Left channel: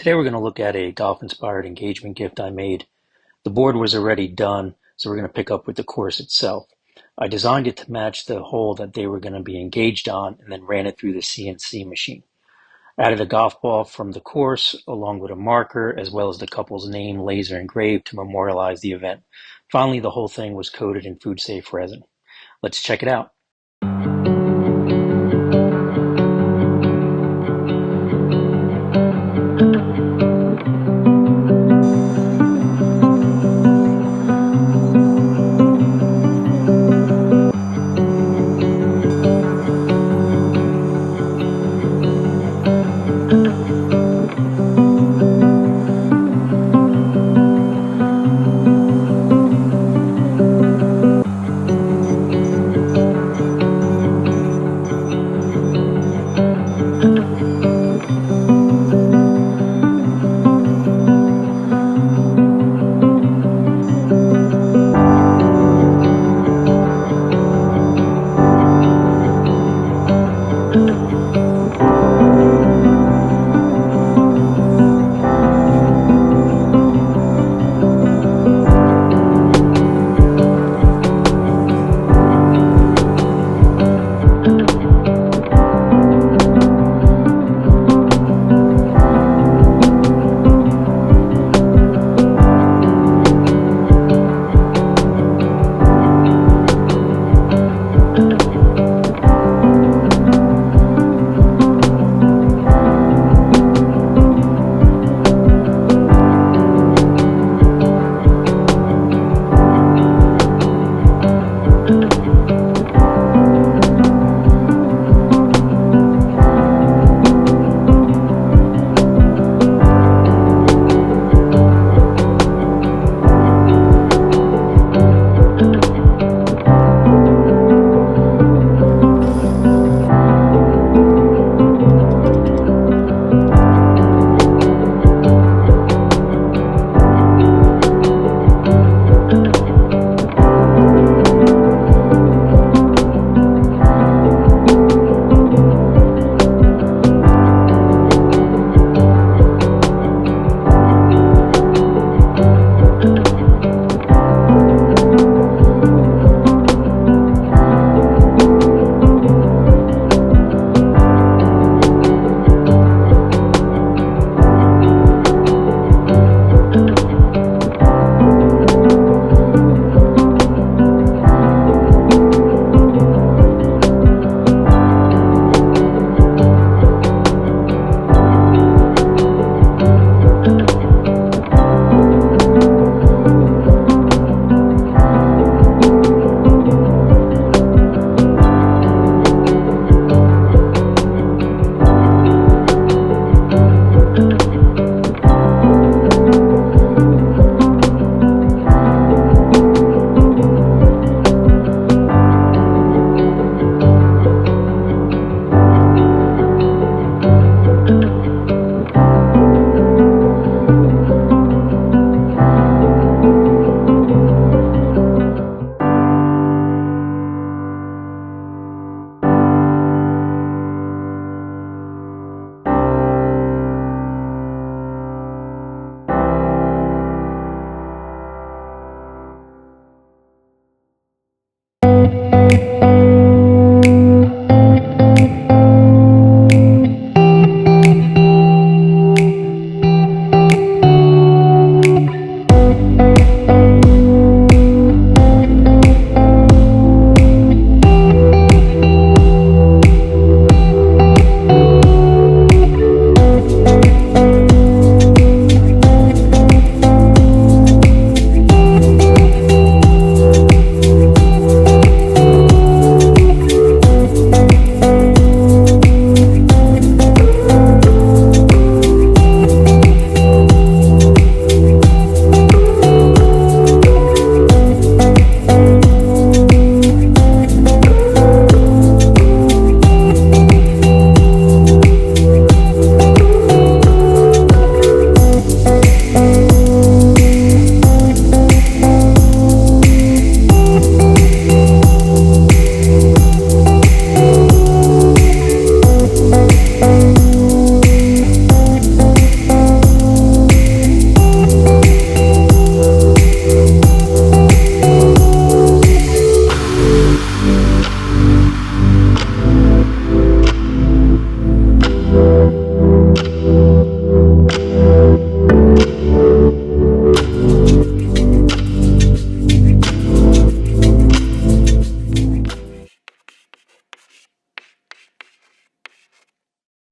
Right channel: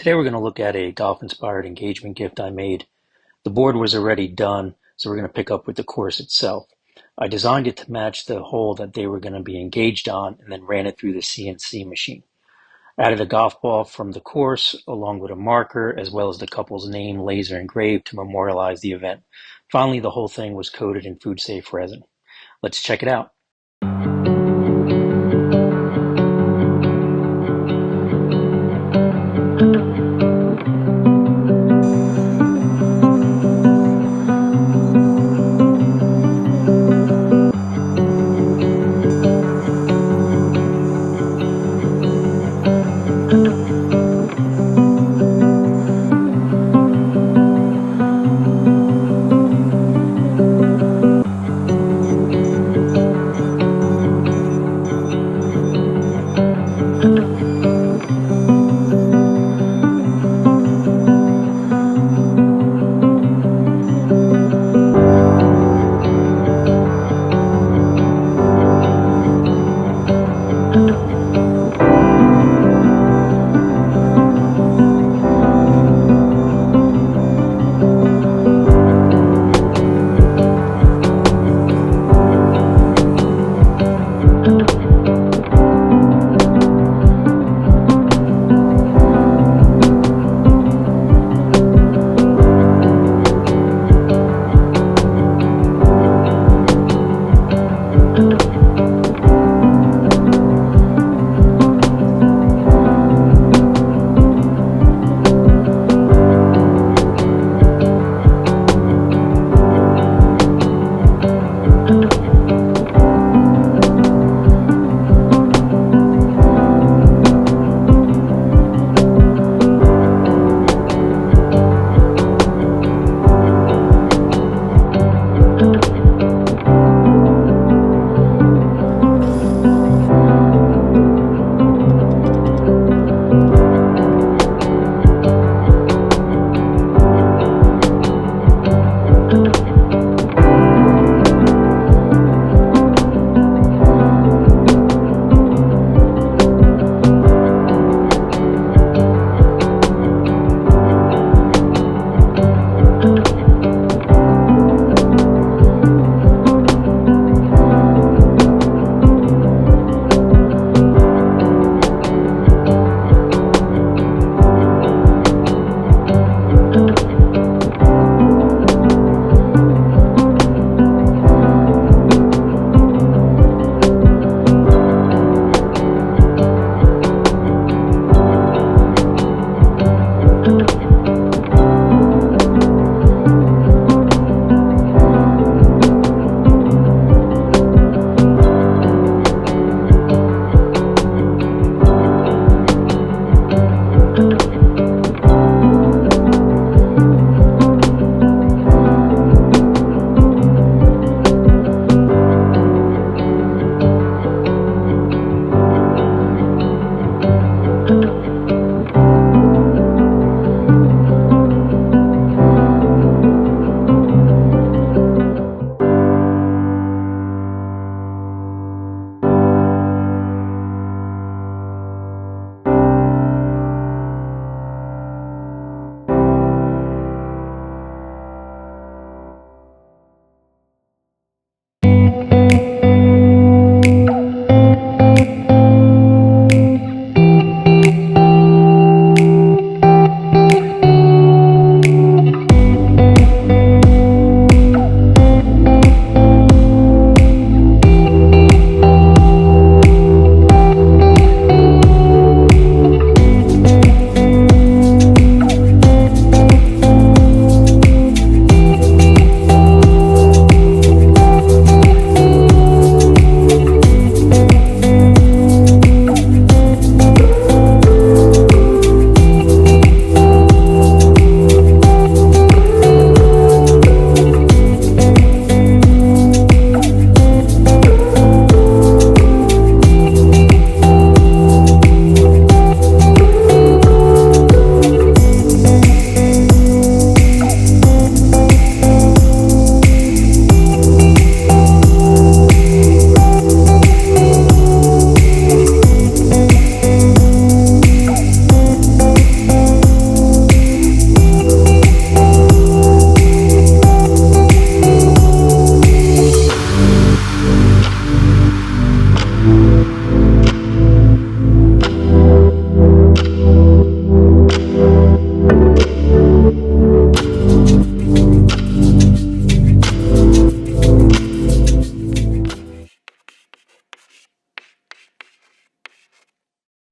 Today we're going to look at a golf-inspired engagement gift I made. The board was already done, so we're going to pick up with the course itself. I designed it to match the hole that they were going to be engaged on and then ran it through the CNC machine. Added a golf ball from the course along with a marker as well as the couple's name laser engraved to memorialize the event. Finally, the whole thing was coated in food-safe resin. Let's check it out.